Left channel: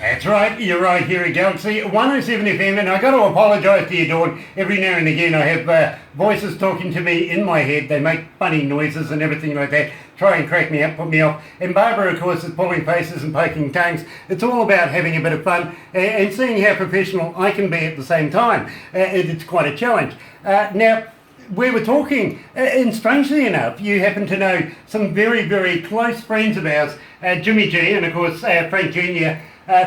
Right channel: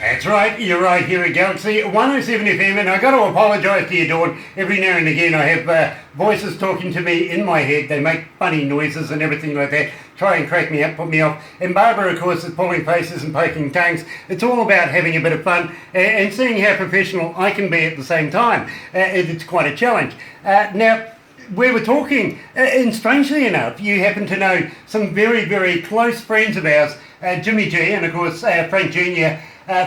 That's right, you're right here at Galaxy 107 FM, and I've got to apologise to you, Dawn. Every now and again I have voices talking to me in my head. They make funny noises and everything like that, try and crack me up, put me off. And Barbara, of course, is pulling faces and poking tongues. It's all about having a bit of fun and seeing how professional I can be at the same time. It's quite a challenge. Now, we were talking, and strangely enough, you happen to know some very, very close friends of ours, Jimmy G, and of course Frank Jr.,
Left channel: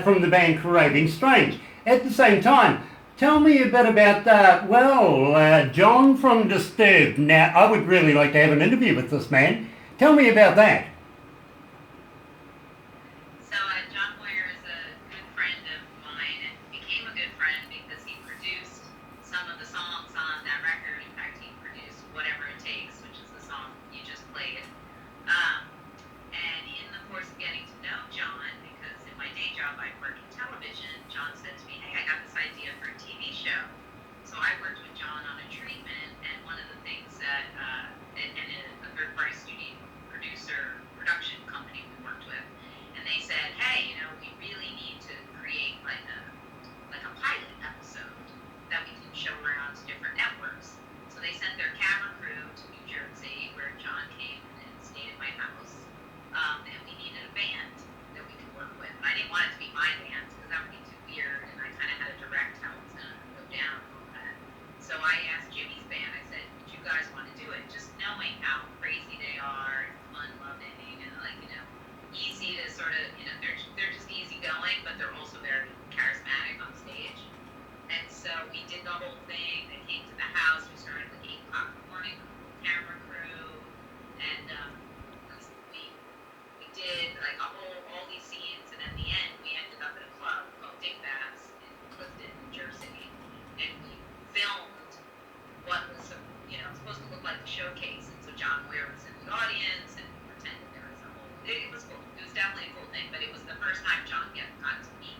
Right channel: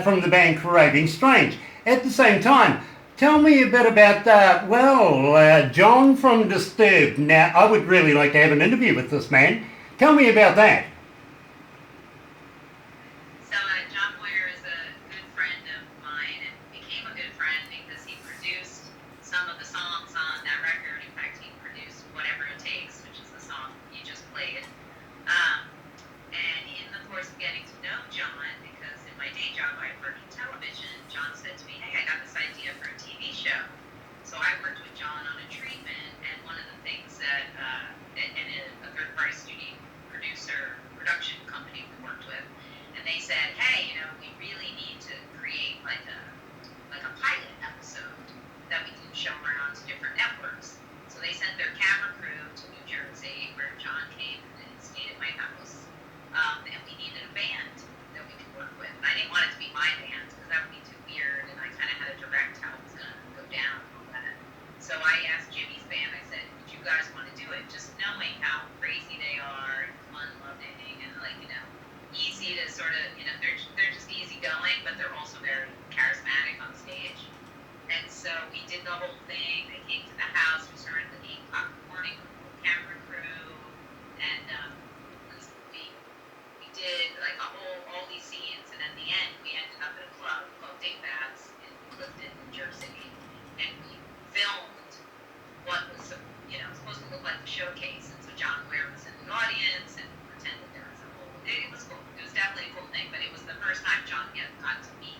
from the band Craving Strange. At the same time, tell me a bit about, John from Disturbed. Now, I would really like to have an interview with this man. Tell me about that. So, John Boyer is a good friend of mine and became a good friend because he produced some of the songs on that record. In fact, he produced Whatever It Takes, which is the song you just played. And in the course of getting to know John, because in my day job I work in television, John said to me, hey, I got this idea for a TV show. So I worked with John on a treatment, and one of the things that, and a third-party studio production company we worked with, and they said, hey, we really need to create like a pilot episode that we can show around to different networks. So they sent their camera crew to New Jersey, where John came and stayed at my house, and we needed a band that we could work with. And I didn't want it to be my band because that would be too weird, and I kind of had to direct how it was going to go down and all that. So I asked Jimmy's band, I said, would you guys want to do it? Just knowing how crazy they are, and fun-loving, and easy to sort of, they're just easy going, but they're also very charismatic on stage. And so we did the whole thing. They came to the house. We started at 8 o'clock in the morning with the camera crew, and we did like all these scenes. And at the end, we ended up at a club called Dick Bass in Clifton, New Jersey, and we filmed what was supposed to look like the showcase. And so John Ware was in the audience and pretended there was a whole. It was cool. It was definitely a cool thing, but it was the first time John got to meet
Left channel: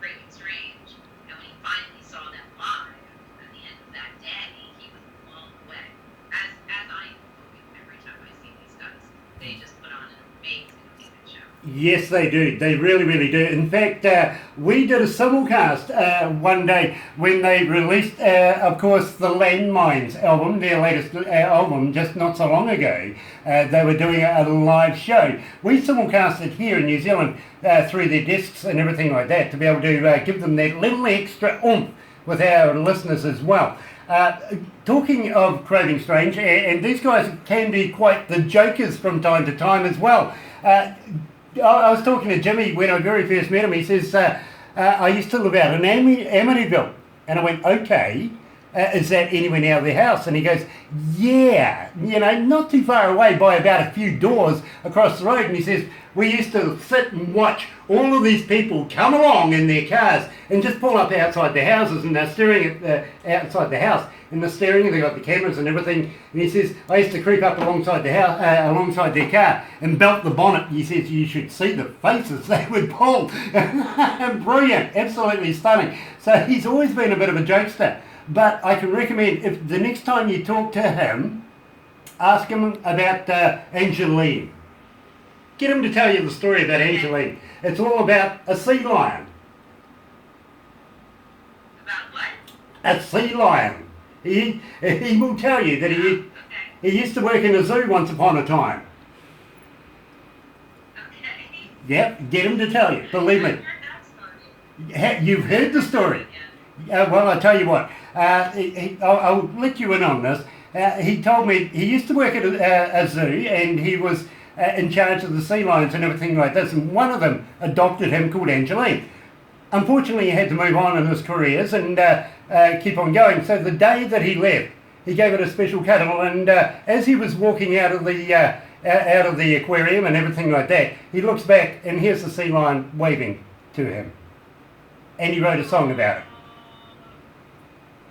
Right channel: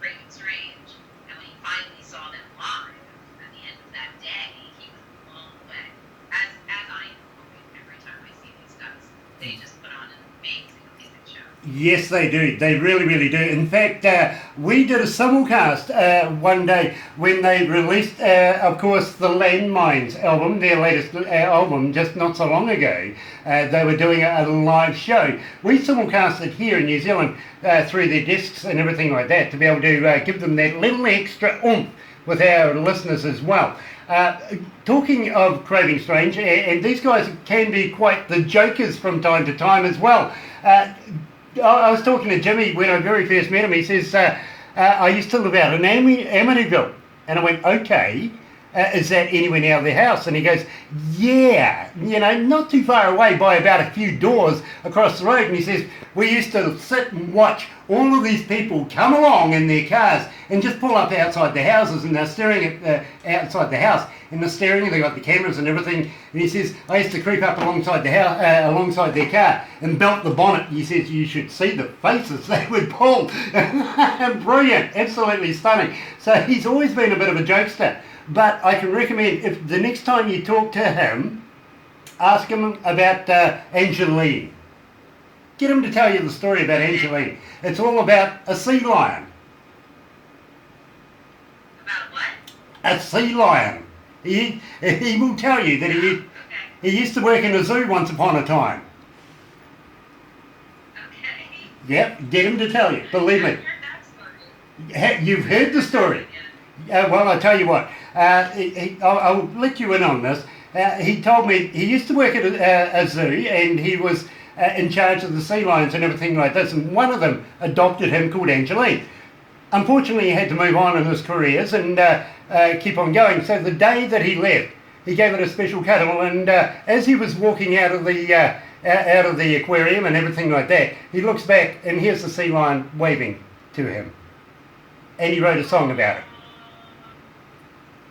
Craving Strange. And when he finally saw them live at the end of that day, he was blown away. As I am every time I see these guys, they just put on an amazing show. Yes, they do. They really, really do. In fact, we did a simulcast one day when they released, of course, the Landmines album, their latest album, just not so long ago. They were doing a live show. We simulcast it here in New Zealand through their discs and everything like that to be able to give them that little extra oomph with our listeners as well. Talking of Craving Strange, and these guys can be quite the jokers from time to time as well. I was talking to Jimmy when I very first met him. He says, I used to live out in Amityville. And I went, okay, is that anywhere near the house? And he goes, yeah, not too far away by about a few doors across the road. And he says, we used to sit and watch all of these people come along in their cars and just pull up outside the houses, and they're staring at outside the house, and they're staring, and they've got the cameras and everything. And he says, I used to creep up alongside the house, alongside their car and belt the bonnet. He says, you should see the faces they would pull. Brilliant, absolutely stunning. So he's always been a bit of a jokester. But I can recommend, if the next time you talk to him, ask him about Angeline. Get him to tell you the story about Angeline. It's all about a sea lion. About what? A sea lion. He will tell you that he used to work in a zoo once upon a time. Okay. Yep, get him to tell you. Believe me. I've heard that story. You've heard the story. Well, I tell you what. I'll let you in on this. He told me he used to work at a zoo, and he was in charge of the sea lions and everything like this, and one of them adopted him called Angeline. Unfortunately, he had to move on in his careers and keep on going. So the day that he left, he gave it a special cuddle, and as he was walking out of the aquarium and everything like that, he looks back and here's the sea lion waving to him. And he wrote a song about it.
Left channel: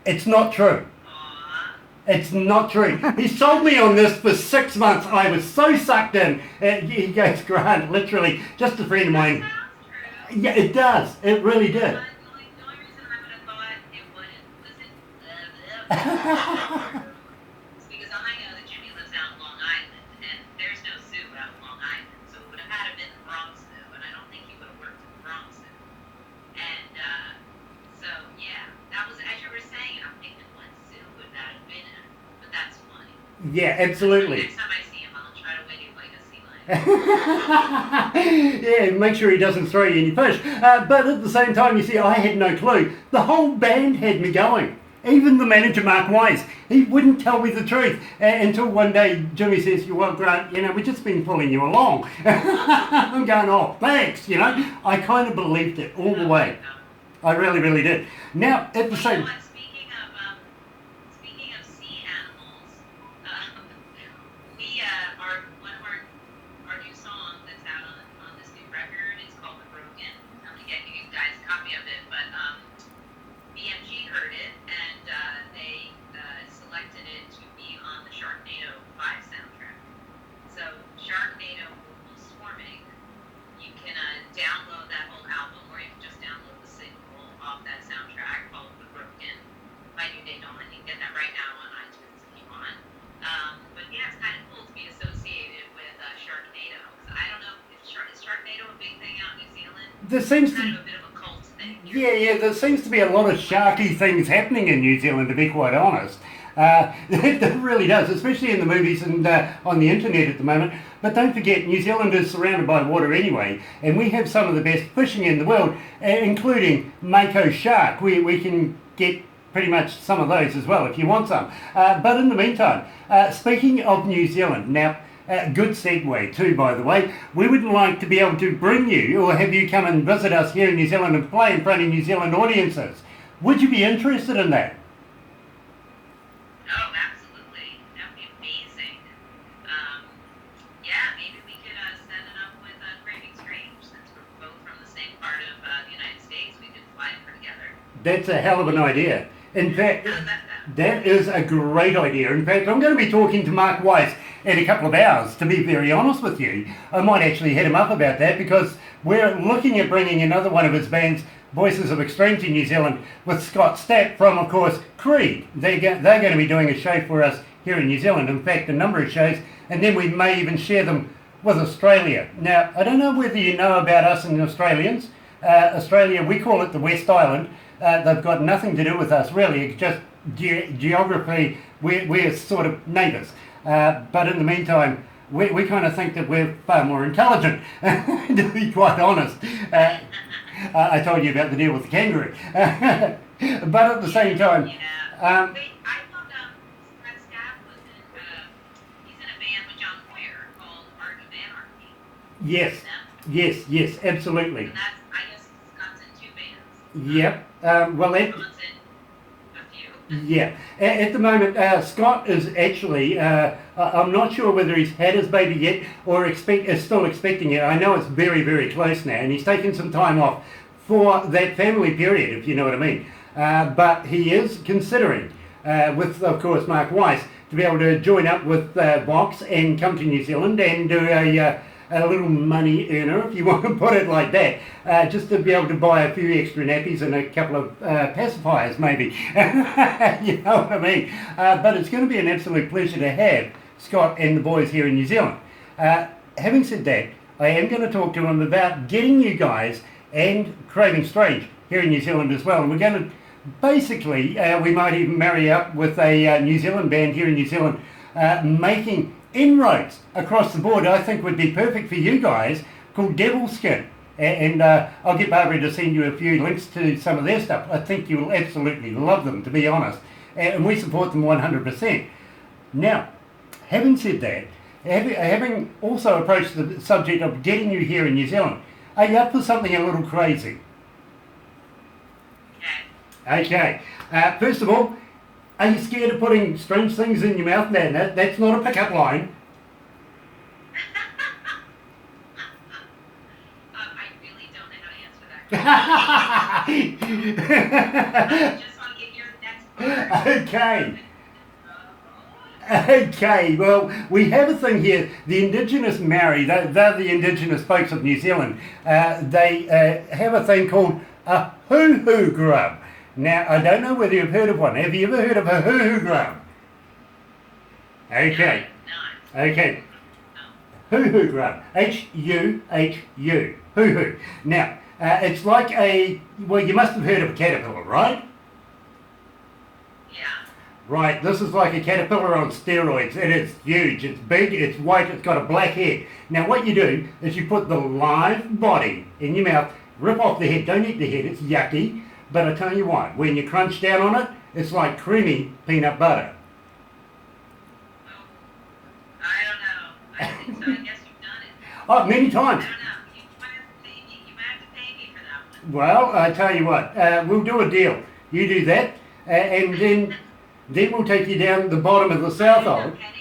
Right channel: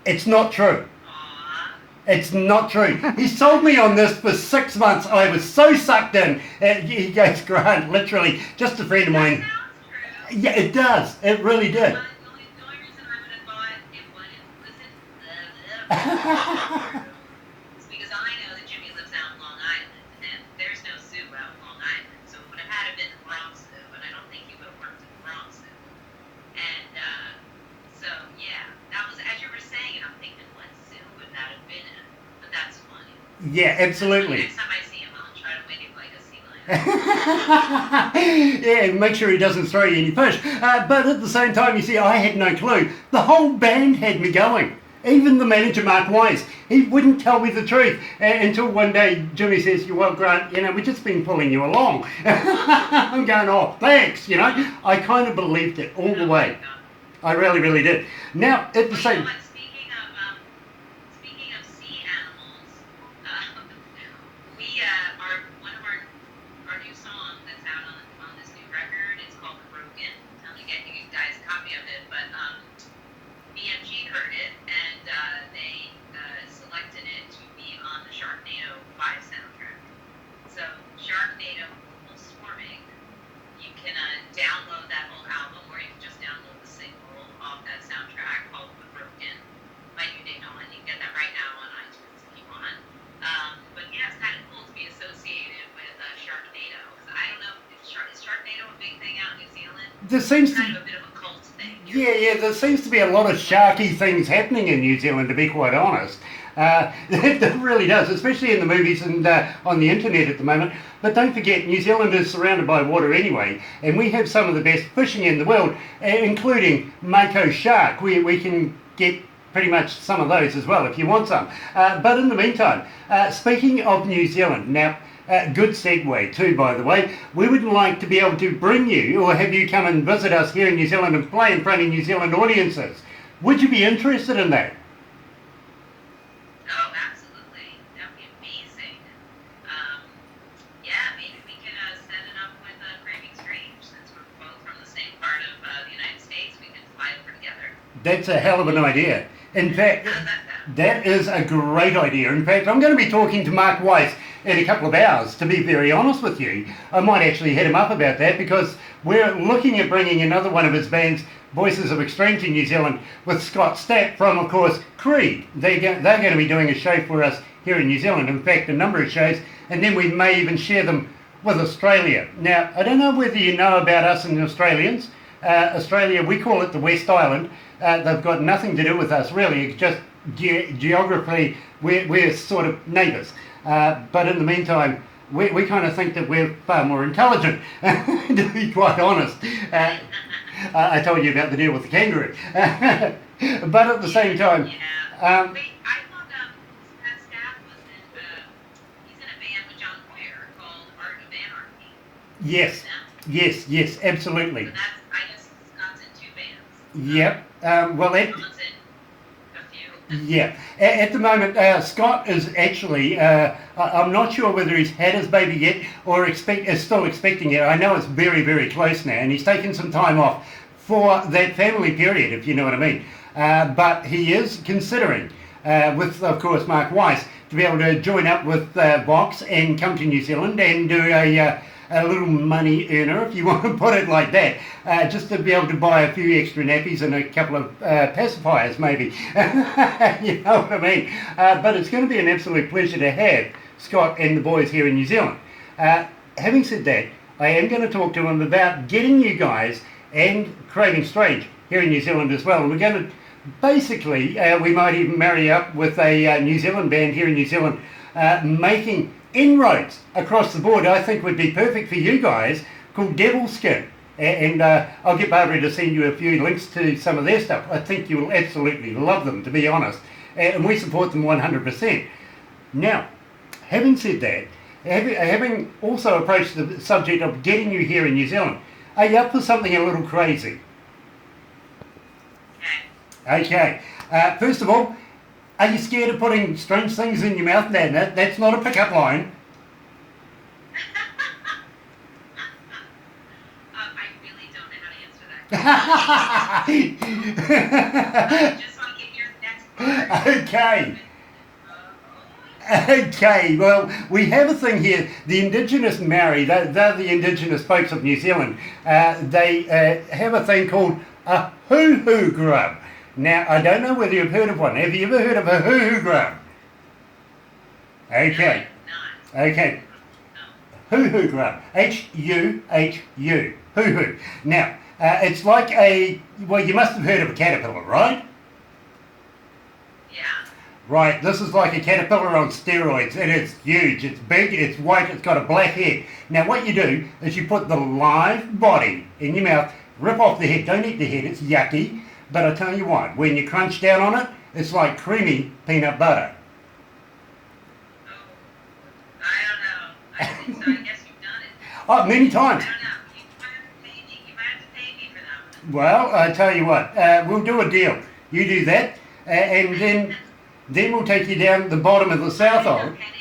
It's not true. It's not true. He sold me on this for 6 months. I was so sucked in. He goes, Grant, literally, just a friend of That mine. sounds true. Yeah, it does. It really did. But the only reason I would have thought it wasn't is because I know that Jimmy lives out in Long Island, and there's no zoo out in Long Island, so it would have had to been the Bronx Zoo, and I don't think he would have worked at the Bronx Zoo. And so, yeah, that was, as you were saying, I'm thinking, what zoo would that have been in? But that's funny. Yeah, absolutely. Next time I see him, I'll try to wing it like a sea lion. Yeah, and make sure he doesn't throw you any fish. But at the same time, you see, I had no clue. The whole band had me going. Even the manager, Mark Wise, he wouldn't tell me the truth until one day Jimmy says, well, Grant, we've just been pulling you along. I'm going, oh, thanks, I kind of believed it all the way. I really, really did. Now, at the same... Speaking of sea animals, we one of our new song that's out on this new record. It's called The Broken. I'm gonna get you guys a copy of it, but BMG heard it and they selected it to be on the Sharknado 5 soundtrack. So Sharknado Global Swarming, you can download that whole album, or you can just download the single off that soundtrack called The Broken by New Day Dawn. You can get that right now on iTunes if you want. But yeah, it's kind of cool to be associated with Sharknado. I don't know, is Sharknado a big thing out in New Zealand? There seems It's kind of a bit of a cult thing. Yeah, there seems to be a lot of sharky things happening in New Zealand, to be quite honest. It really does, especially in the movies and on the internet at the moment. But don't forget, New Zealand is surrounded by water anyway, and we have some of the best fishing in the world, including Mako shark. We can get pretty much some of those as well if you want some. But in the meantime, speaking of New Zealand, now, good segue too, by the way. We would like to be able to bring you or have you come and visit us here in New Zealand and play in front of New Zealand audiences. Would you be interested in that? Oh, absolutely. That would be amazing. Yeah, maybe we could set it up with Craving Strange. Since we're both from the same part of the United States, we could fly over together. That's a hell of an idea. In fact, How does that sound? that is a great idea. In fact, I'm going to be talking to Mark Weiss in a couple of hours, to be very honest with you. I might actually hit him up about that because we're looking at bringing another one of his bands, Voices of Extreme, to New Zealand with Scott Stapp from, of course, Creed. They're going to be doing a show for us here in New Zealand. In fact, a number of shows, and then we may even share them with Australia. Now, I don't know whether you know about us and Australians. Australia, we call it the West Island. They've got nothing to do with us, really. It's just geography, we're sort of neighbours. But in the meantime, we kind of think that we're far more intelligent, to be quite honest. I told you about the deal with the kangaroo. But at the same time... Yeah. Wait, I thought that Staff was he's in a band with John Boyer called Art of Anarchy. Yes, absolutely. And that's, I guess Scott's in 2 bands. Yep. Well, that... John's in a few. Yeah. At the moment, Scott is actually, I'm not sure whether he's had his baby yet or is still expecting it. I know it's very, very close now, and he's taken some time off for that family period, if you know what I mean. But he is considering, with, of course, Mark Weiss, to be able to join up with Vox and come to New Zealand and do a little money earner, if you want to put it like that, just to be able to buy a few extra nappies and a couple of pacifiers, maybe. You know what I mean? But it's going to be an absolute pleasure to have Scott and the boys here in New Zealand. Having said that, I am going to talk to him about getting you guys and Craving Strange here in New Zealand as well. And we're going to basically, we might even marry up with a New Zealand band here in New Zealand, making inroads across the board. I think would be perfect for you guys, called Devil Skin. And I'll get Barbara to send you a few links to some of their stuff. I think you'll absolutely love them, to be honest. And we support them 100%. Now, having said that, having also approached the subject of getting you here in New Zealand, are you up for something a little crazy? Okay. First of all, are you scared of putting strange things in your mouth? No, that's not a pickup line. I really don't know how to answer that question. I just want to get your next part. Okay. Okay, well, we have a thing here. The Indigenous Maori, they're the Indigenous folks of New Zealand. They have a thing called a hoo-hoo grub. Now, I don't know whether you've heard of one. Have you ever heard of a hoo-hoo grub? Okay. No. Okay. No. Hoo-hoo grub. H-U-H-U. Hoo-hoo. Now, it's like well, you must have heard of a caterpillar, right? Yeah. Right, this is like a caterpillar on steroids. It is huge, it's big, it's white, it's got a black head. Now what you do is you put the live body in your mouth, rip off the head, don't eat the head, it's yucky. But I tell you what, when you crunch down on it, it's like creamy peanut butter. Oh, I don't know. I think so. I guess you've done it. Oh, many times. I don't know. You might have to pay me for that one. Well, I tell you what, we'll do a deal. You do that, and then we'll take you down the bottom of the South Island. I'd have to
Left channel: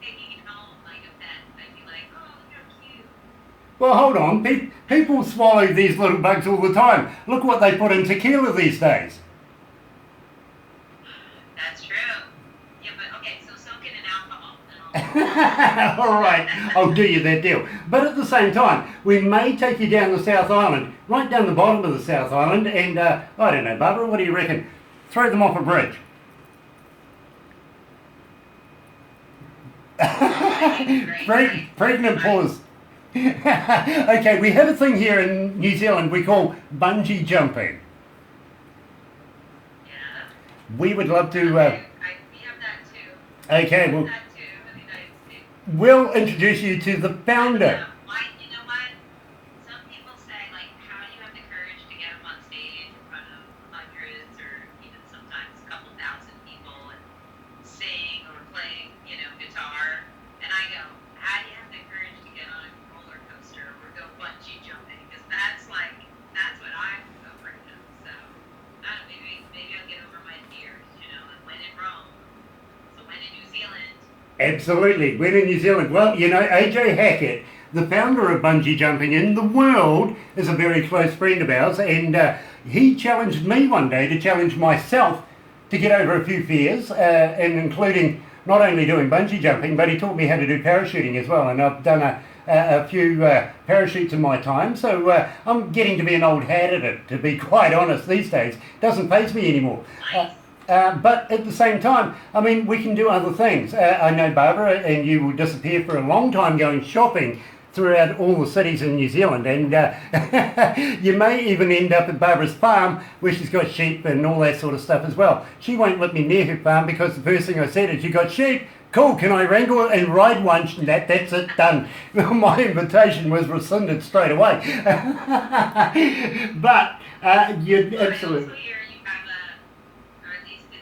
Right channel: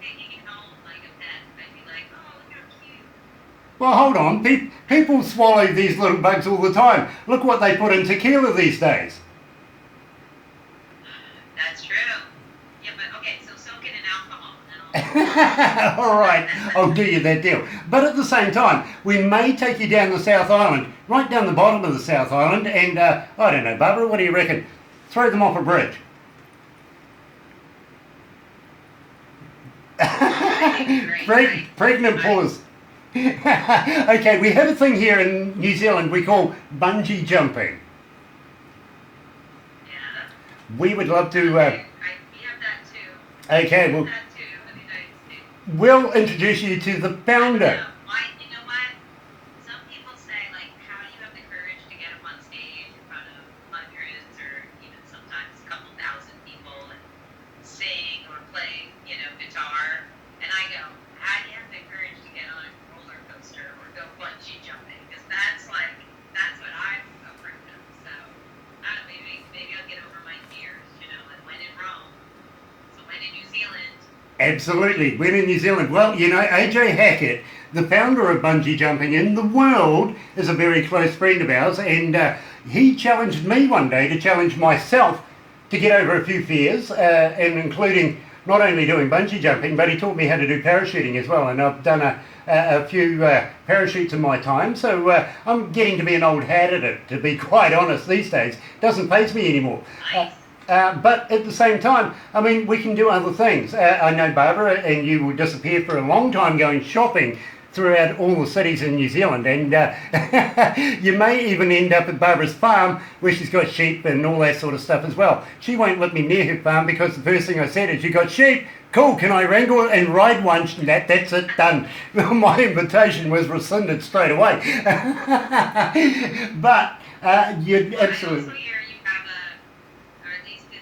taking it home like a pet. I'd be like, oh, look how cute. Well, hold on. People swallow these little bugs all the time. Look what they put in tequila these days. That's true. Yeah, but okay, so soak it in alcohol. And All right, I'll do you that deal. But at the same time, we may take you down the South Island, right down the bottom of the South Island, and I don't know, Barbara, what do you reckon? Throw them off a bridge. Pregnant pause. Okay, we have a thing here in New Zealand we call bungee jumping. Yeah. We would love to. We have that too. Okay, We well, have that too in the United States. we'll introduce you to the founder. You know what? Some people say, like, how do you have the courage to get up on stage in front of hundreds or even sometimes a couple thousand people and sing or play, guitar? And I go, how do you have the courage to get on a roller coaster or go bungee jumping? Because that's what I'm afraid of. So, I don't know, maybe I'll get over my fears, and when in Rome. So when in New Zealand. Absolutely, when in New Zealand. Well, AJ Hackett, the founder of bungee jumping in the world, is a very close friend of ours, and he challenged me one day to challenge myself to get over a few fears, and including not only doing bungee jumping, but he taught me how to do parachuting as well, and I've done a few parachutes in my time, so I'm getting to be an old hat at it, to be quite honest, these days. It doesn't faze me anymore. But at the same time, I mean, we can do other things. I know Barbara and you will disappear for a long time going shopping throughout all the cities in New Zealand, and you may even end up at Barbara's farm where she's got sheep and all that sort of stuff as well. She won't let me near her farm because the first thing I said is, you got sheep? Cool, can I wrangle and ride one? That's it, done. My invitation was rescinded straight away. But you'd absolutely... Also here you have or at least in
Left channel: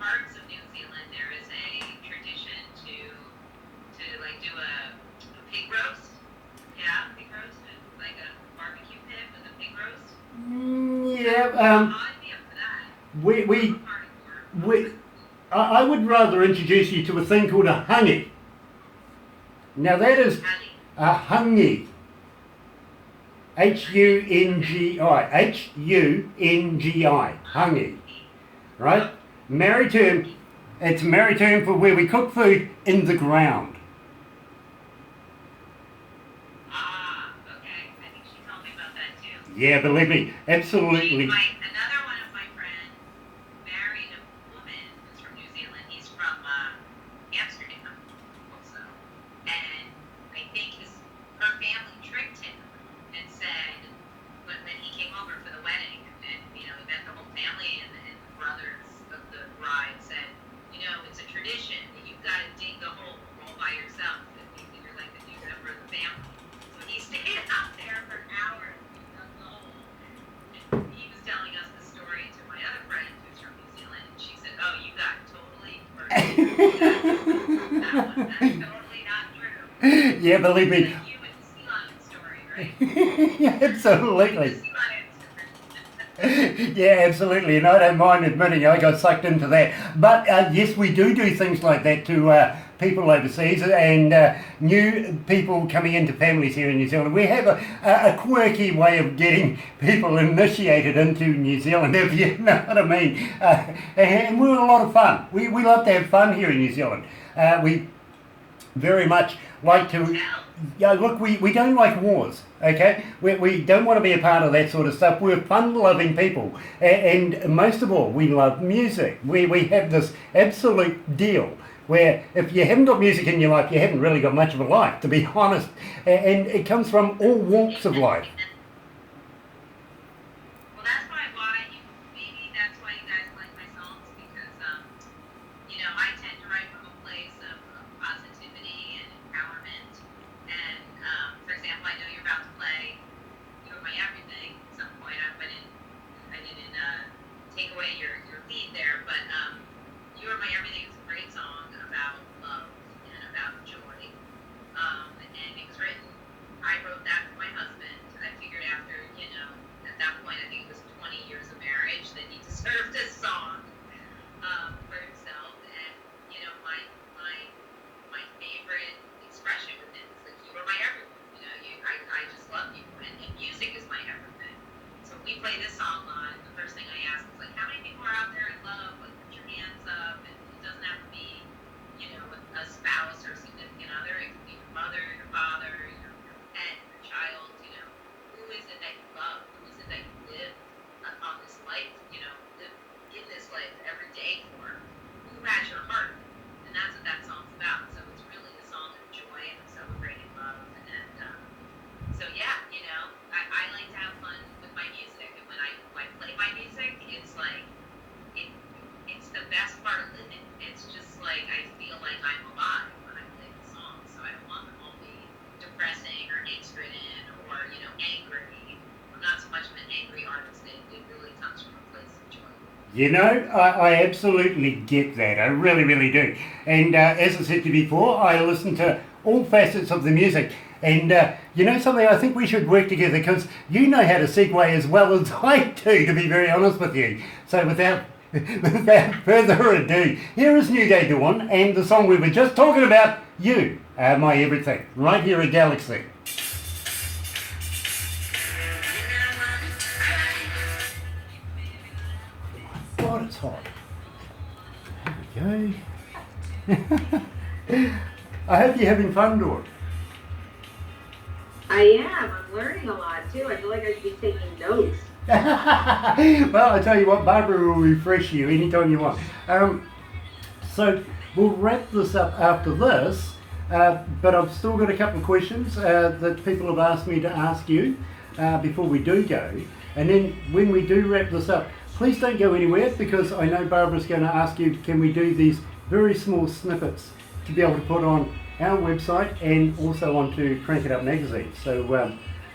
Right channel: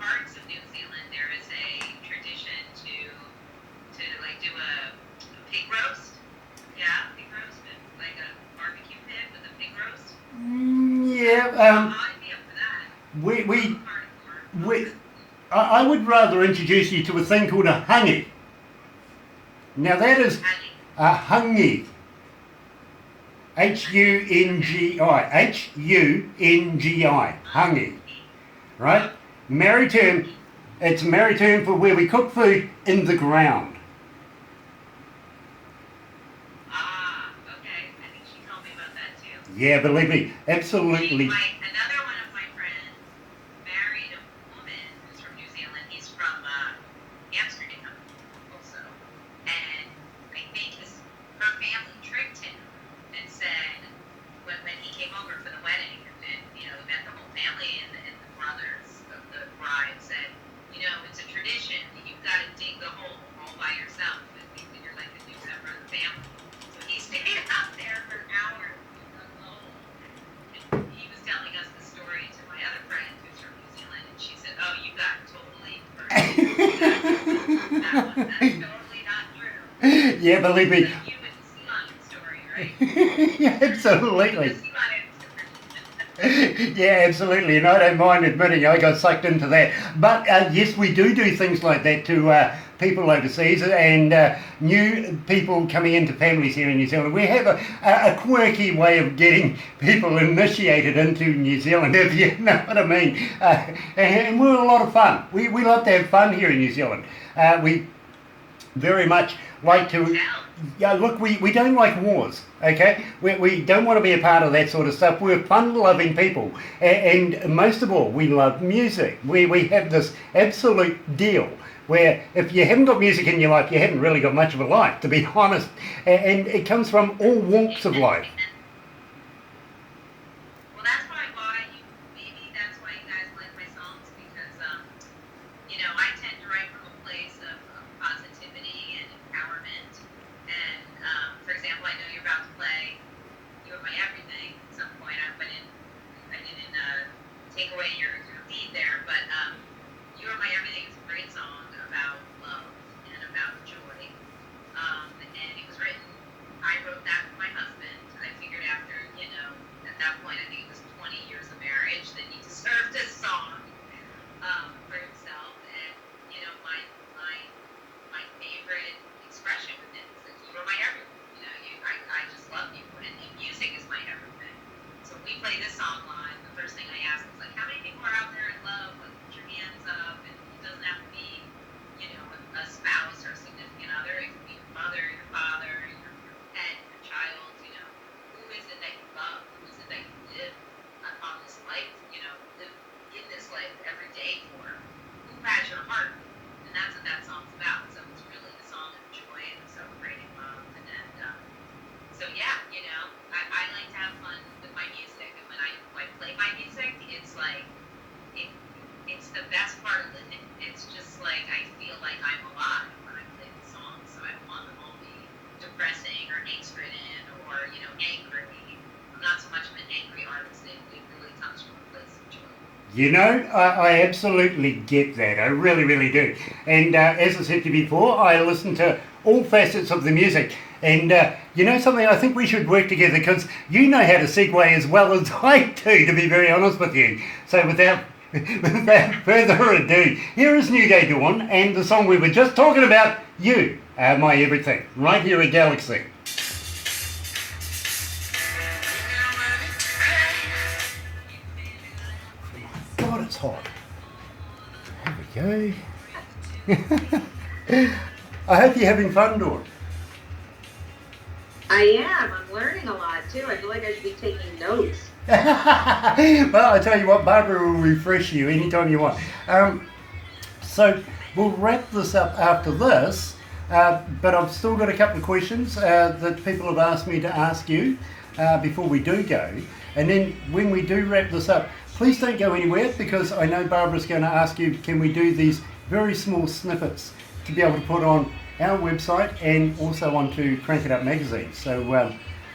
parts of New Zealand, there is a tradition to like do a pig roast. Yeah, pig roast, like a barbecue pit with a pig roast. Yeah, I'd be up for that. I would rather introduce you to a thing called a hangi. Now that is a hangi. H-U-N-G-I. H-U-N-G-I. Hangi. Right? Maori term. It's a Maori term for where we cook food in the ground. Ah, okay. I think she told me about that too. Yeah, believe me, absolutely. Another one of my friends married a woman who's from New Zealand. He's from Amsterdam also. And I think her family tricked him and said, when he came over for the wedding, and he met the whole family and the brothers of the bride said, it's a tradition that you've got to dig the hole all by yourself and think that you're like a new member of the family. So he stayed out there for hours and dug the hole. And he was telling us the story to my other friend who's from New Zealand, and she said, oh, you got totally that's totally not true. Yeah, believe me. You with the sea lion story, right? Yeah, absolutely. The sea lion Yeah, absolutely, and I don't mind admitting I got sucked into that. But yes, we do things like that to people overseas and new people coming into families here in New Zealand. We have a quirky way of getting people initiated into New Zealand, if you know what I mean. And we're a lot of fun. We love to have fun here in New Zealand. We very much like to. Yeah, look, we don't like wars, okay? We don't want to be a part of that sort of stuff. We're fun-loving people. And most of all, we love music. We have this absolute deal where if you haven't got music in your life, you haven't really got much of a life, to be honest. And it comes from all walks of life. Well, that's probably why maybe that's why you guys like my songs, because, I tend to write from a place of positivity and empowerment. And, for example, I know you're about to play You Are My Everything at some point. I didn't take away your lead there, but You Are My Everything is a great song about love and about joy. And it was written, I wrote that for my husband. I figured after, at that point, I think it was 20 years of marriage, that he deserved this song for himself. And, my favorite expression with it is that you are my everything. I just love you. And music is my everything. So we play this song live. The first thing I ask is, like, how many people are out there in love? Like, put your hands up. And it doesn't have to be, a spouse or a significant other. It can be your mother, your father, your pet, your child. Who is it that you love? Who is it that you live on this life? Live in this life every day for? Who has your heart? And that's what that song's about. So it's really the song of joy and celebrating love. And so yeah, I like to have fun with my music. And when I play my music, it's like it's the best part of living. It's just like I feel like I'm alive when I play the songs. So I don't want them all to be depressing or angst-ridden or angry. I'm not so much of an angry artist. It really comes from a place of joy. I absolutely get that. I really, really do. And as I said to you before, I listen to all facets of the music. And something, I think we should work together because you know how to segue as well as I do, to be very honest with you. So without further ado, here is New Day Dawn and the song we were just talking about, You Are My Everything, right here at Galaxy. God, it's hot. Here we go. I hope you're having fun, Dawn. I am. I'm learning a lot too. I feel like I should be taking notes. Well, I tell you what, Barbara will refresh you anytime you want. So we'll wrap this up after this, but I've still got a couple of questions that people have asked me to ask you before we do go. And then when we do wrap this up, please don't go anywhere because I know Barbara's going to ask you, can we do these very small snippets to be able to put on our website and also onto Crank It Up magazine. So,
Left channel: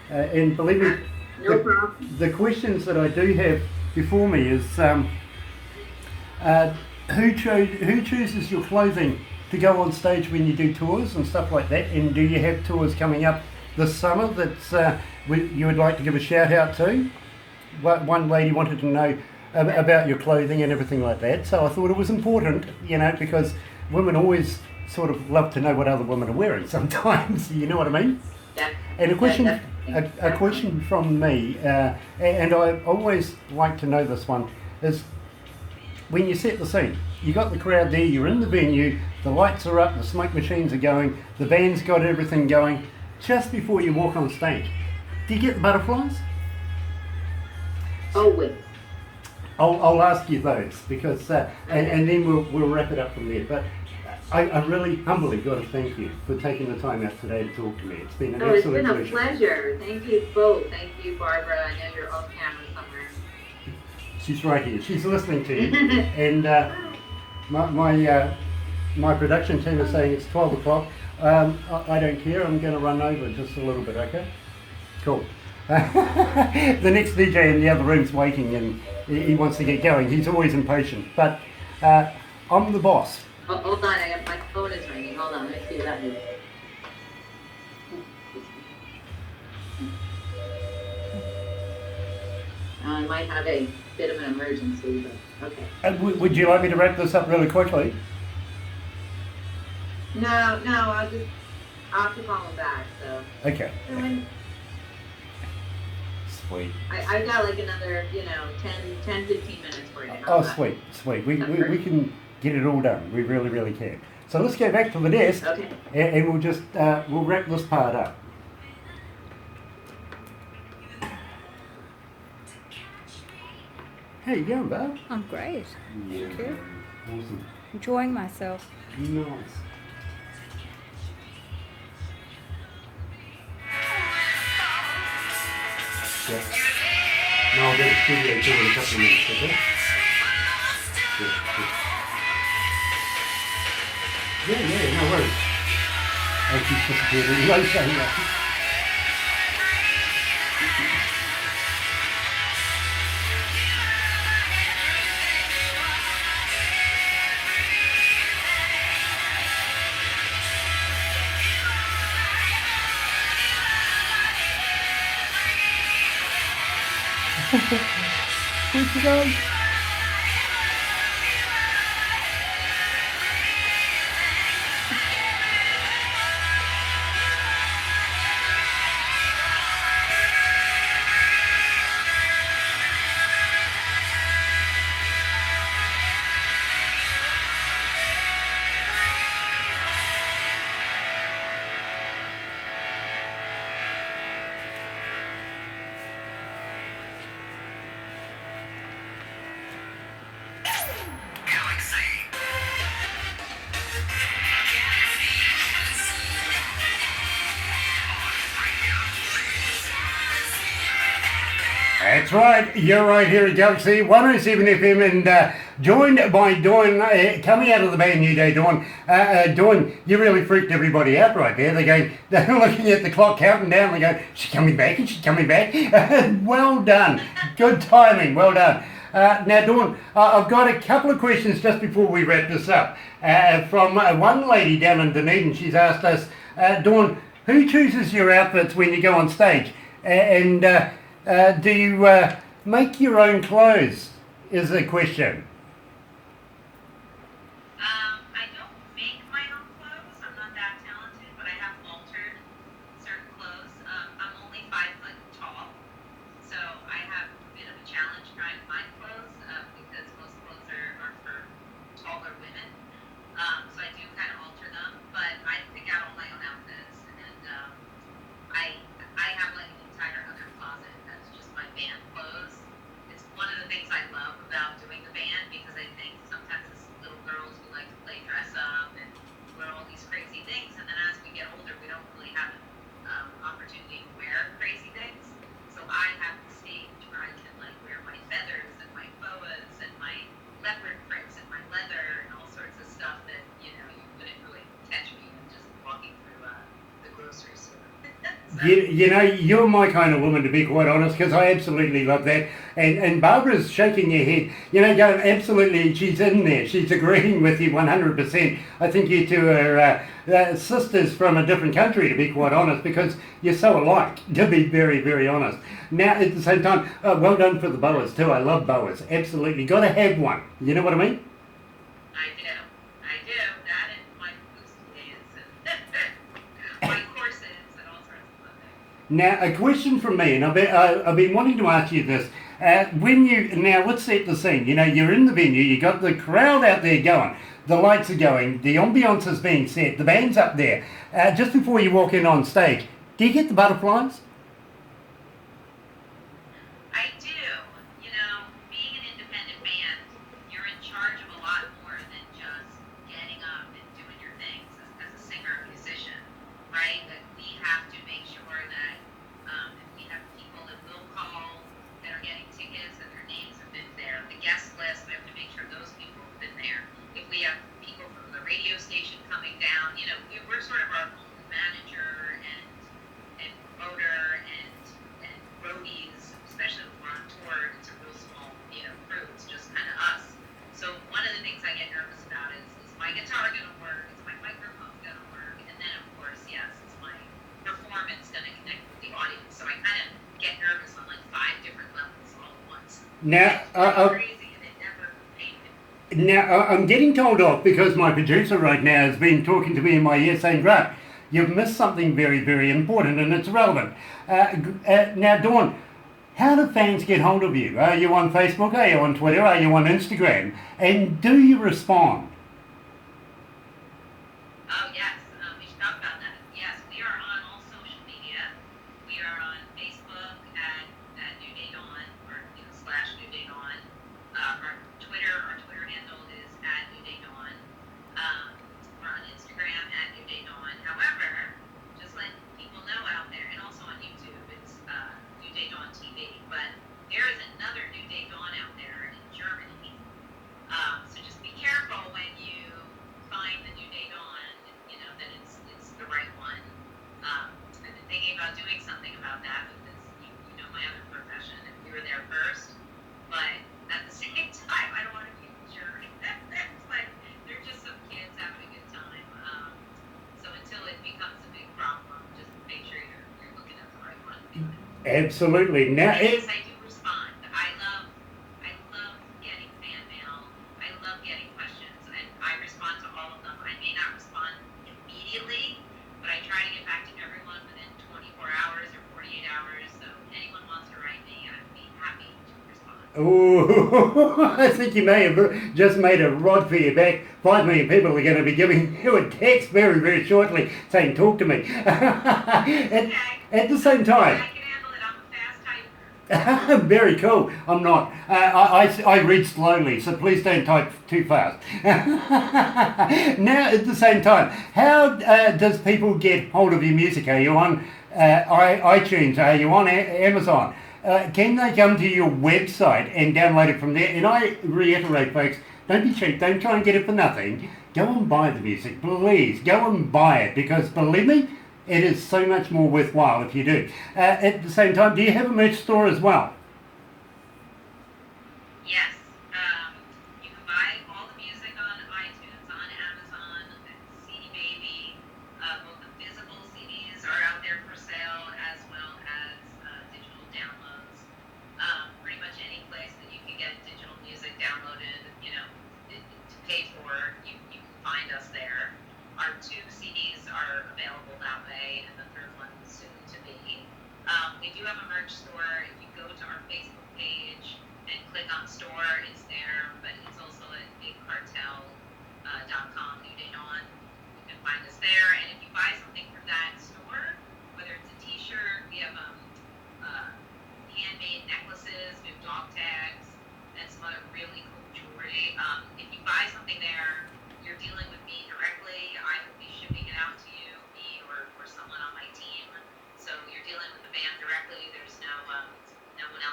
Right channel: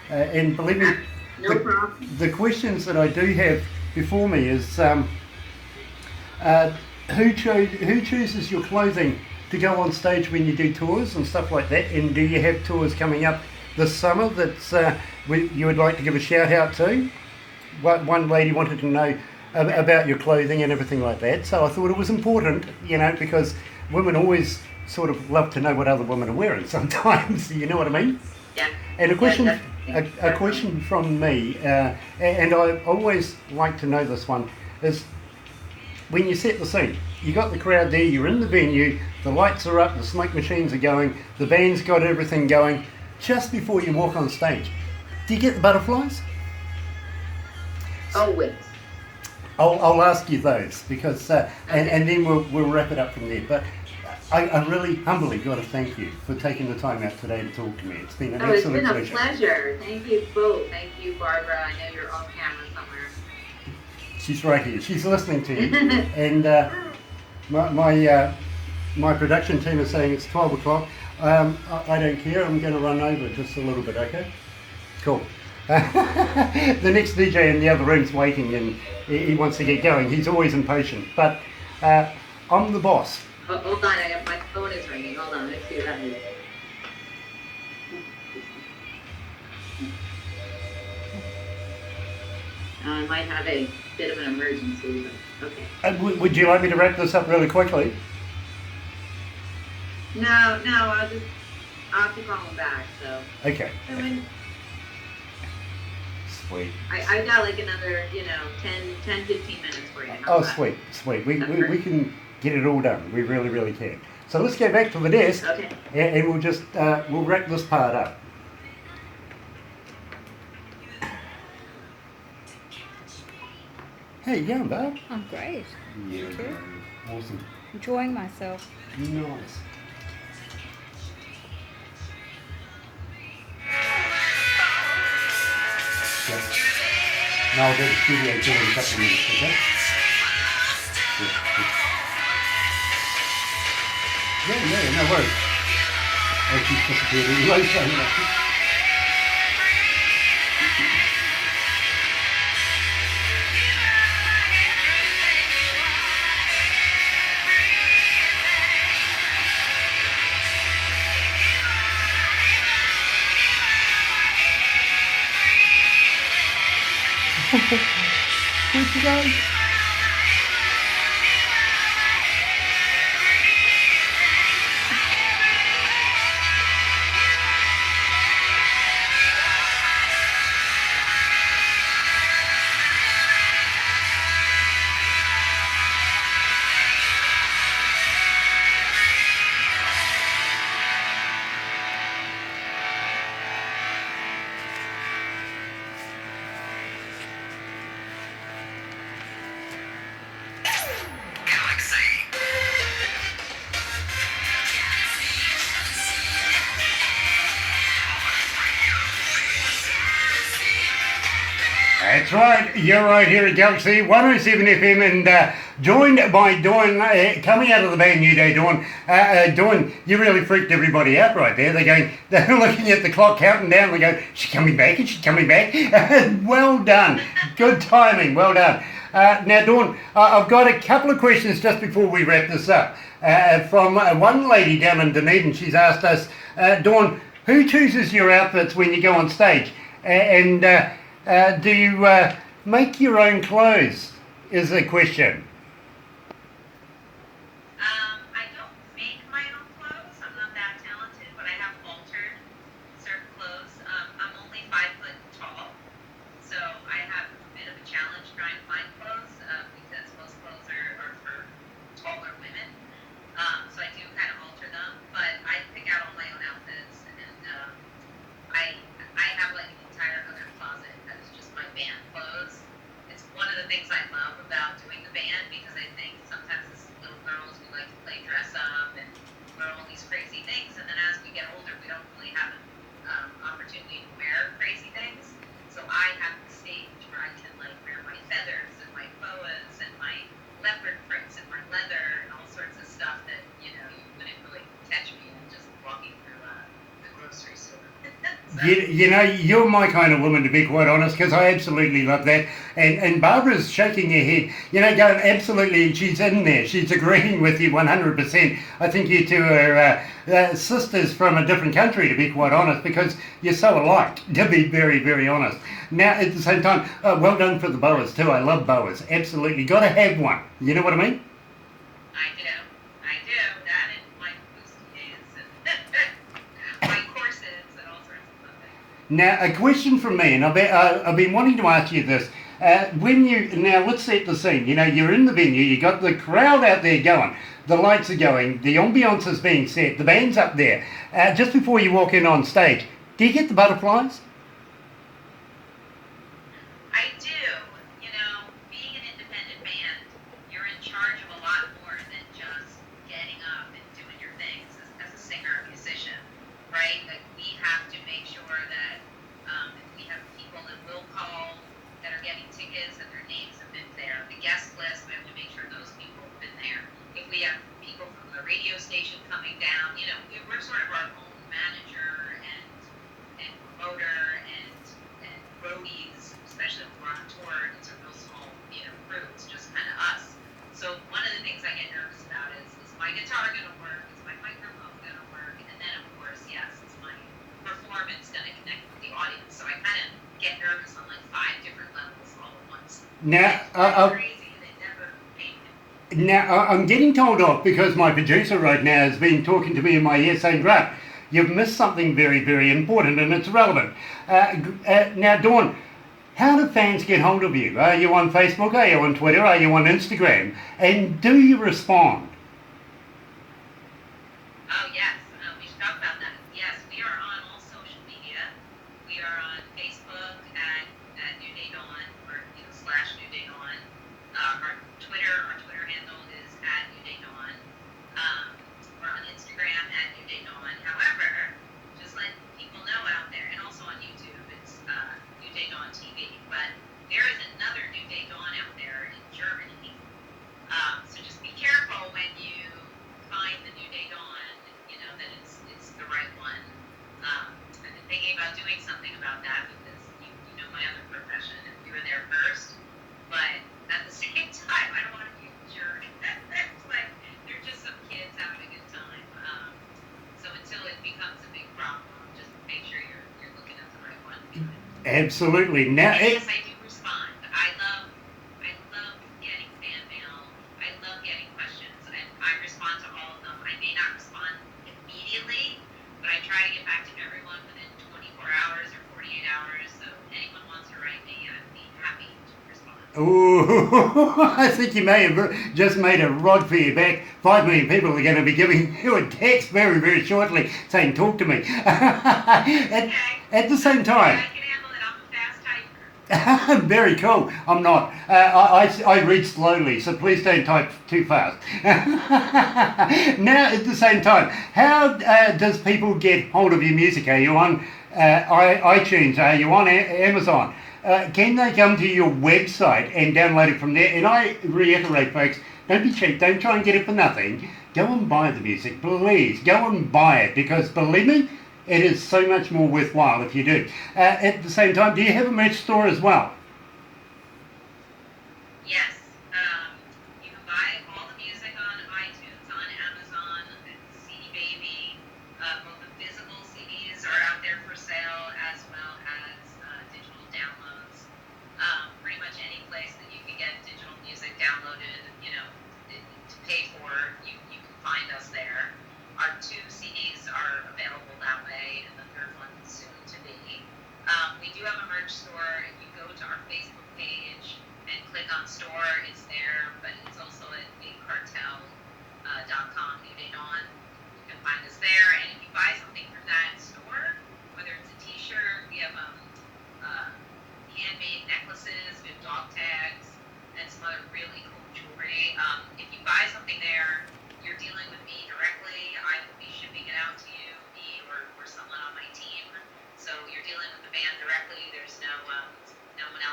and believe me, No problem. The questions that I do have before me is who chooses your clothing to go on stage when you do tours and stuff like that? And do you have tours coming up this summer that you would like to give a shout out to? One lady wanted to know about your clothing and everything like that. So I thought it was important, because women always sort of love to know what other women are wearing sometimes. You know what I mean? Yeah. And a question from me, and I always like to know this one, is when you set the scene, you got the crowd there, you're in the venue, the lights are up, the smoke machines are going, the band's got everything going. Just before you walk on stage, do you get the butterflies? Always. I'll ask you those because, and then we'll wrap it up from there. But I really humbly got to thank you for taking the time out today to talk to me. It's been an absolute pleasure. It's been a pleasure. Thank you both. Thank you, Barbara. I know you're off camera somewhere. She's right here. She's listening to you. And my production team is saying it's 12 o'clock. I don't care. I'm going to run over just a little bit, okay? Cool. The next DJ in the other room's waiting and he wants to get going. He's always impatient. But I'm the boss. Oh, hold on, my phone is ringing. Hold on, let's see what that is. might have a bit of an emergency, but okay. Would you like me to wrap this up really quickly? No, I'll have to call him back, so. Okay. I mean, Sweet. I've got like another, 10, 15 minutes for you. Oh, sweet. We can get it all done. We really, really can. So let's go back to the desk, Okay. and we'll just we'll wrap this part up. How you going, Val? I'm great. Yeah, Good. awesome. Enjoying myself. Nice. Yeah. Now I'll go to the studio too in a couple of minutes, okay? Yeah, no worries. Oh, she's disappeared anyway, so yeah. Where'd she go? That's right, you're right here at Galaxy 107 FM and joined by Dawn, coming out of the band New Day, Dawn. Dawn, you really freaked everybody out right there. They're looking at the clock, counting down, they're going, she's coming back, is she coming back? Well done, good timing, well done. Now Dawn, I've got a couple of questions just before we wrap this up. From one lady down in Dunedin, she's asked us, Dawn, who chooses your outfits when you go on stage? Do you make your own clothes? Is the question. I don't make my own clothes. I'm not that talented, but I have altered certain clothes. I'm only 5 foot tall, so I have a bit of a challenge trying to find clothes because most clothes are for taller women. So I do kind of alter them, but I pick out all my own outfits, and I have like an entire other closet that's just my band clothes. It's one of the things I love about doing the band because I think sometimes as little girls we like to play dress up and wear all these crazy things, and then as we get older we don't really have an opportunity to wear crazy things. So I have the stage where I can like wear my feathers and my boas and my leopard prints and my leather and all sorts of stuff that you wouldn't really catch me just walking through the grocery store. You're my kind of woman, to be quite honest, because I absolutely love that. And Barbara's shaking her head, going absolutely, and she's in there. She's agreeing with you 100%. I think you two are sisters from a different country, to be quite honest, because you're so alike, to be very, very honest. Now, at the same time, well done for the boas too. I love boas, absolutely. Got to have one. You know what I mean? I do. That and my bustiers and my corsets and all sorts of stuff. Now, a question from me, and I've been wanting to ask you this. Now let's set the scene. You're in the venue, you got the crowd out there going, the lights are going, the ambiance is being set, the band's up there. Just before you walk in on stage, do you get the butterflies? I do. Being an independent band, you're in charge of a lot more than just getting up and doing your things as a singer or musician, right? That we have to make sure that if we have people that will call that are getting tickets and their names have been there, the guest list, we have to make sure those people have been there. If we have people from the radio station coming down, we're sort of our own manager and promoter and roadies, especially when we're on tour. It's a real small, crew. It's just kind of us. So one of the things I get nervous about is my guitar gonna work? Is my microphone gonna work? And then of course, yes, is my performance gonna connect with the audience? So I kind of get nervous on like 5 different levels all at once. Now, It's kind of crazy, and it never paid. I'm getting told off because my producer right now has been talking to me in my ear saying, Grant, you've missed something very, very important and it's relevant. Now, Dawn, how do fans get hold of you? Are you on Facebook? Are you on Twitter? Are you on Instagram? And do you respond? Oh yes, we should talk about that. Yes, we are on all social media. We are on Facebook at New Day Dawn or slash New Day Dawn. Our Twitter handle is at New Day Dawn. We're on Instagram at New Day Dawn. However, just let people know out there, and also on YouTube, it's New Day Dawn TV. But there is another New Day Dawn out there in Germany. So just be careful when you find the New Day Dawn, that it's the right one. I've been thinking about doing something about that because you know my other profession, and we were there first. But at the same time, I don't want to be a jerk. It's like they're just some kids having a good time. So until it becomes a big problem, just make sure you're looking at the right one. Absolutely. Now, Yes, I do respond. I love getting fan mail. I love getting questions, and I respond to all of them. I may not respond immediately, but I try to get back to everyone within 24 hours or 48 hours. So if anyone wants to write me, I'd be happy to respond. ooh, I think you may have just made a rod for your back. 5 million people are going to be giving you a text very, very shortly saying, talk to me. At the same time, I can handle it. I'm a fast typer. very cool. I'm not. I read slowly, so please don't type too fast. Now, at the same time, how does people get hold of your music? Are you on iTunes? Are you on Amazon? Can they come to your website and download it from there? And I reiterate, folks, don't be cheap. Don't try and get it for nothing. Go and buy the music, please. Go and buy it because, believe me, it is so much more worthwhile if you do. At the same time, do you have a merch store as well? Yes. You can buy all the music on iTunes, on Amazon, CD Baby. Both the physical CDs are out there for sale as well as digital downloads. Pretty much any place that you can get digital music downloaded, to pay for, you can find us there. Our 2 CDs are available that way, and the third one is soon to be. We do have a merch store. If you go to our Facebook page and click on store, it's there, but it's also at bigcartel.com, New Day Dawn. You can find us there, and if you buy something from that store, whether it's a t-shirt, we have handmade necklaces, we have dog tags, and some other really cool jewelry. If you buy something there, you're dealing with me directly. I will be shipping it out to you, me or someone on my team. So you're dealing with the band directly. There's no one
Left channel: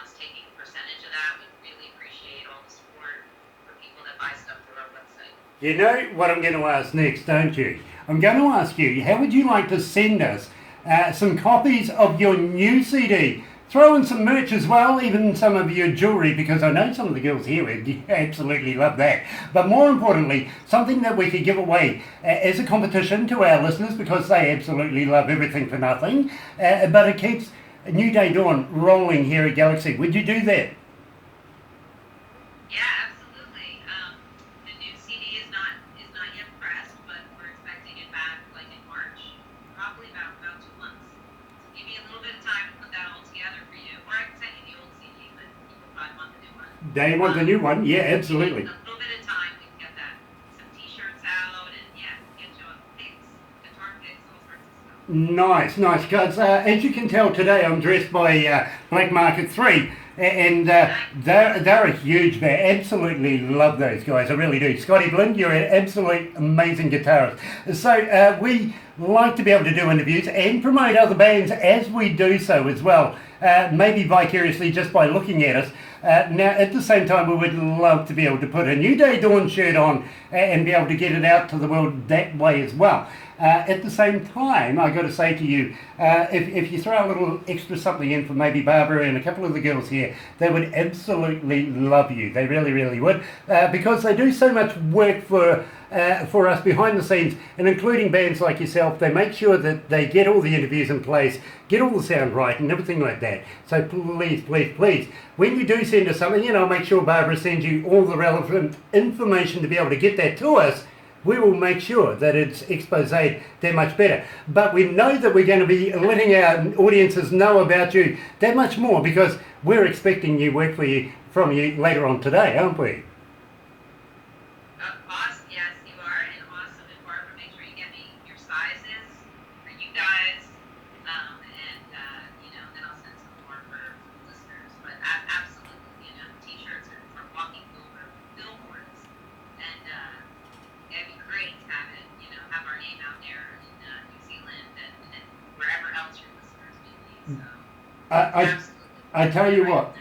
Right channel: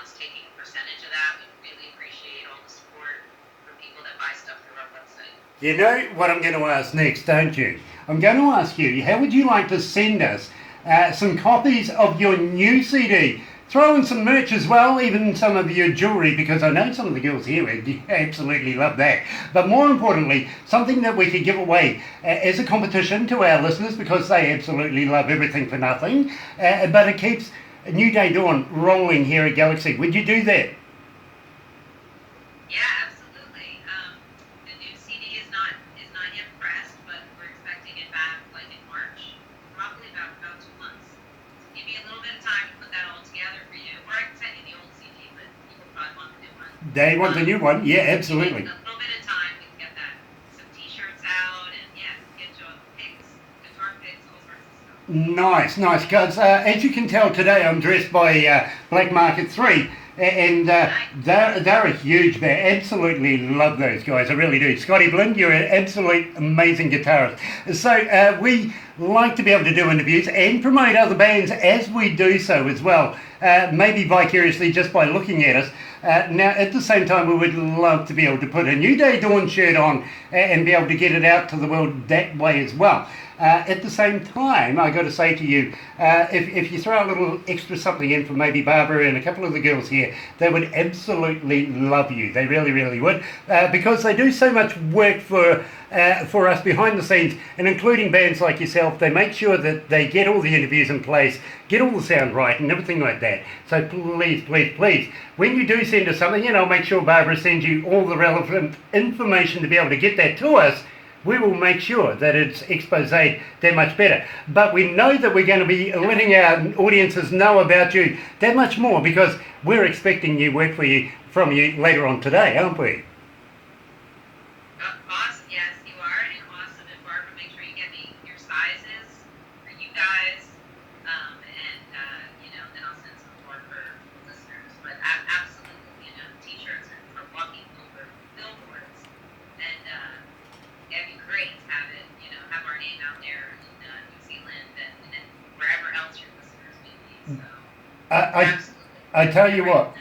else taking a percentage of that. We really appreciate all the support from people that buy stuff through our website. You know what I'm going to ask next, don't you? I'm going to ask you, how would you like to send us some copies of your new CD? Throw in some merch as well, even some of your jewelry, because I know some of the girls here would absolutely love that. But more importantly, something that we could give away as a competition to our listeners, because they absolutely love everything for nothing. But it keeps New Day Dawn rolling here at Galaxy. Would you do that? Yeah, absolutely. The new CD is not yet pressed, but we're expecting it back like in March, probably about 2 months. So give me a little bit of time to put that all together for you, or I can send you the old CD, but people probably want the new one. They want the new one? Yeah, absolutely. A little bit of time, we can get that. Some t-shirts out, and yeah, get you picks, guitar picks, all sorts of stuff. Nice, guys. As you can tell today, I'm dressed by Black Market 3, and they're a huge band. Absolutely love those guys, I really do. Scotty Blind, you're an absolute amazing guitarist. So we like to be able to do interviews and promote other bands as we do so as well, maybe vicariously just by looking at us. Now, at the same time, we would love to be able to put a New Day Dawn shirt on and be able to get it out to the world that way as well. At the same time, I got to say to you, if you throw a little extra something in for maybe Barbara and a couple of the girls here, they would absolutely love you. They really, really would, because they do so much work for for us behind the scenes, and including bands like yourself. They make sure that they get all the interviews in place, get all the sound right and everything like that. So please, please, please, when you do send us something, make sure Barbara sends you all the relevant information to be able to get that to us. We will make sure that it's expose that much better. But we know that we're going to be letting our audiences know about you that much more, because we're expecting new work from you later on today, aren't we? Awesome, yes, you are, and awesome. And Barbara, make sure you get me your sizes for you guys, then I'll send some more for listeners. But absolutely, t-shirts are walking over billboards, and it'd be great to have it, have our name out there in New Zealand and wherever else your listeners may be. So, I tell you what.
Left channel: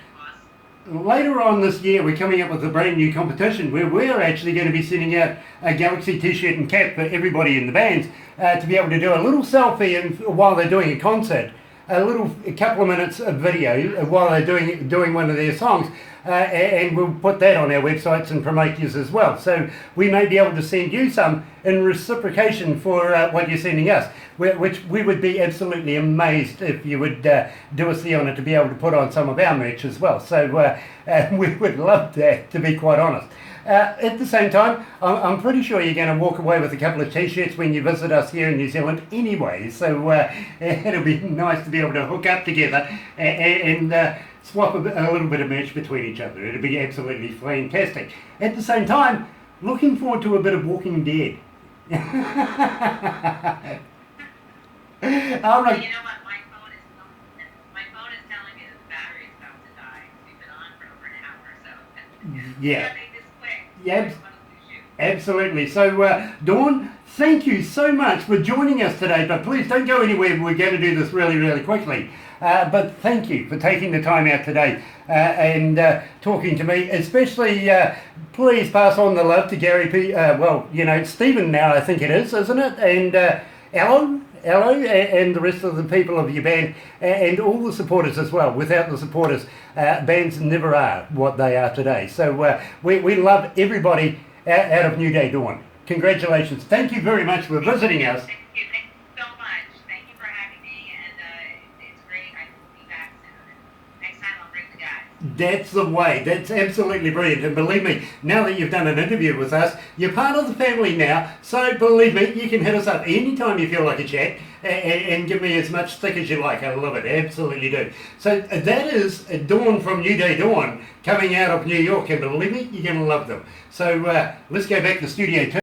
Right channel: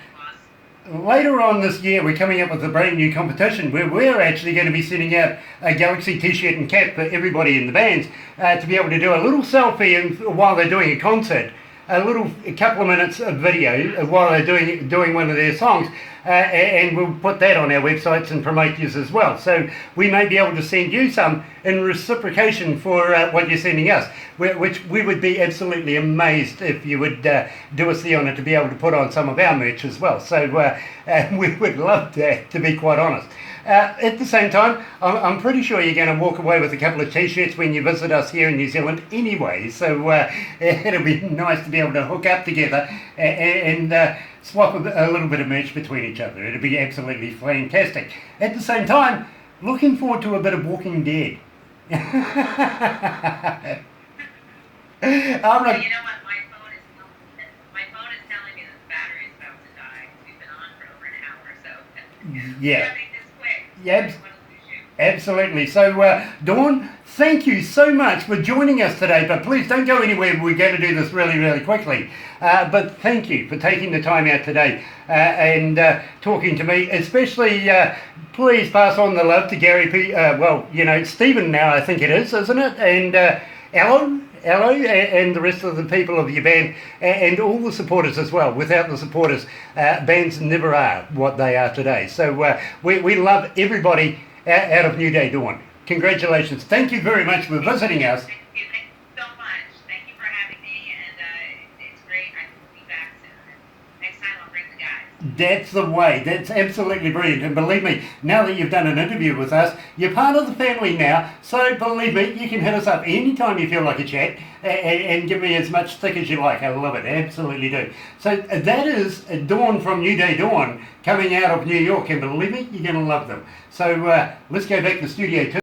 Later on this year, we're coming up with a brand new competition where we're actually going to be sending out a Galaxy t-shirt and cap for everybody in the bands to be able to do a little selfie while they're doing a concert, a couple of minutes of video while they're doing one of their songs, and we'll put that on our websites and promote yours as well. So we may be able to send you some in reciprocation for what you're sending us, which we would be absolutely amazed if you would do us the honour to be able to put on some of our merch as well. So we would love that, to be quite honest. At the same time, I'm pretty sure you're going to walk away with a couple of t-shirts when you visit us here in New Zealand anyway, so it'll be nice to be able to hook up together and swap a little bit of merch between each other. It'll be absolutely fantastic. At the same time, looking forward to a bit of Walking Dead. Well, you know what? My phone is telling me that the battery is about to die. We've been on for over an hour, so we gotta make this quick. Yeah. Absolutely. So, Dawn, thank you so much for joining us today, but please don't go anywhere. We're going to do this really, really quickly. But thank you for taking the time out today and talking to me, especially please pass on the love to Gary P. Stephen now, I think it is, isn't it? And Hello, and the rest of the people of your band, and all the supporters as well. Without the supporters, bands never are what they are today. So we love everybody out of New Day Dawn. Congratulations. Thank you very much for visiting us. Thank you so much. Thank you for having me, and it's great. I will be back soon. And next time I'll bring the guys. That's the way. That's absolutely brilliant. And believe me, now that you've done an interview with us, you're part of the family now. So believe me, you can hit us up anytime you feel like a chat and give me as much stick as you like. I love it. Absolutely do. So that is Dawn from New Day Dawn coming out of New York. And believe me, you're going to love them. So let's go back to Studio 2.